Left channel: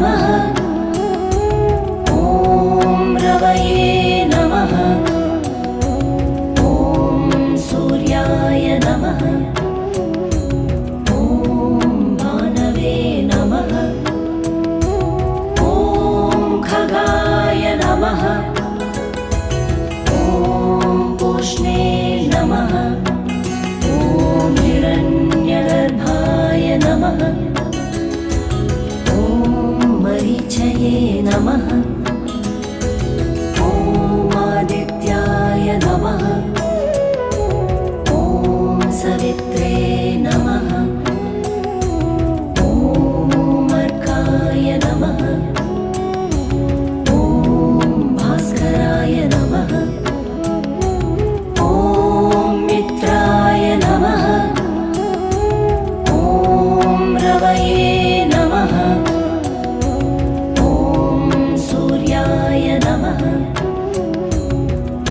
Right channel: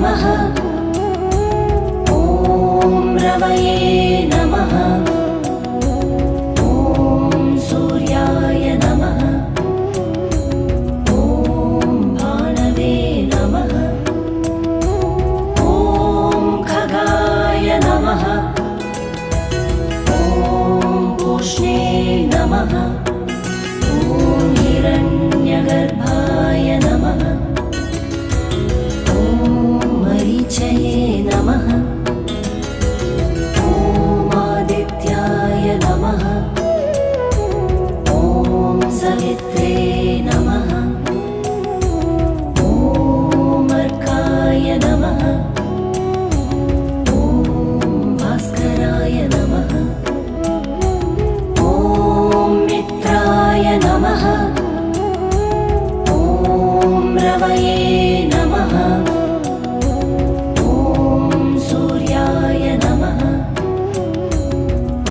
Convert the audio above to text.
नमः। ॐ रवये नमः। ॐ सूर्याय नमः। ॐ भानवे नमः। ॐ खगाय नमः। ॐ पूष्णे नमः। ॐ हिरण्यगर्भाय नमः। ॐ मरीचये नमः। ॐ आदित्याय नमः। ॐ सवित्रे नमः। ॐ अर्काय नमः। ॐ भास्कराय नमः। ॐ मित्राय नमः। ॐ रवये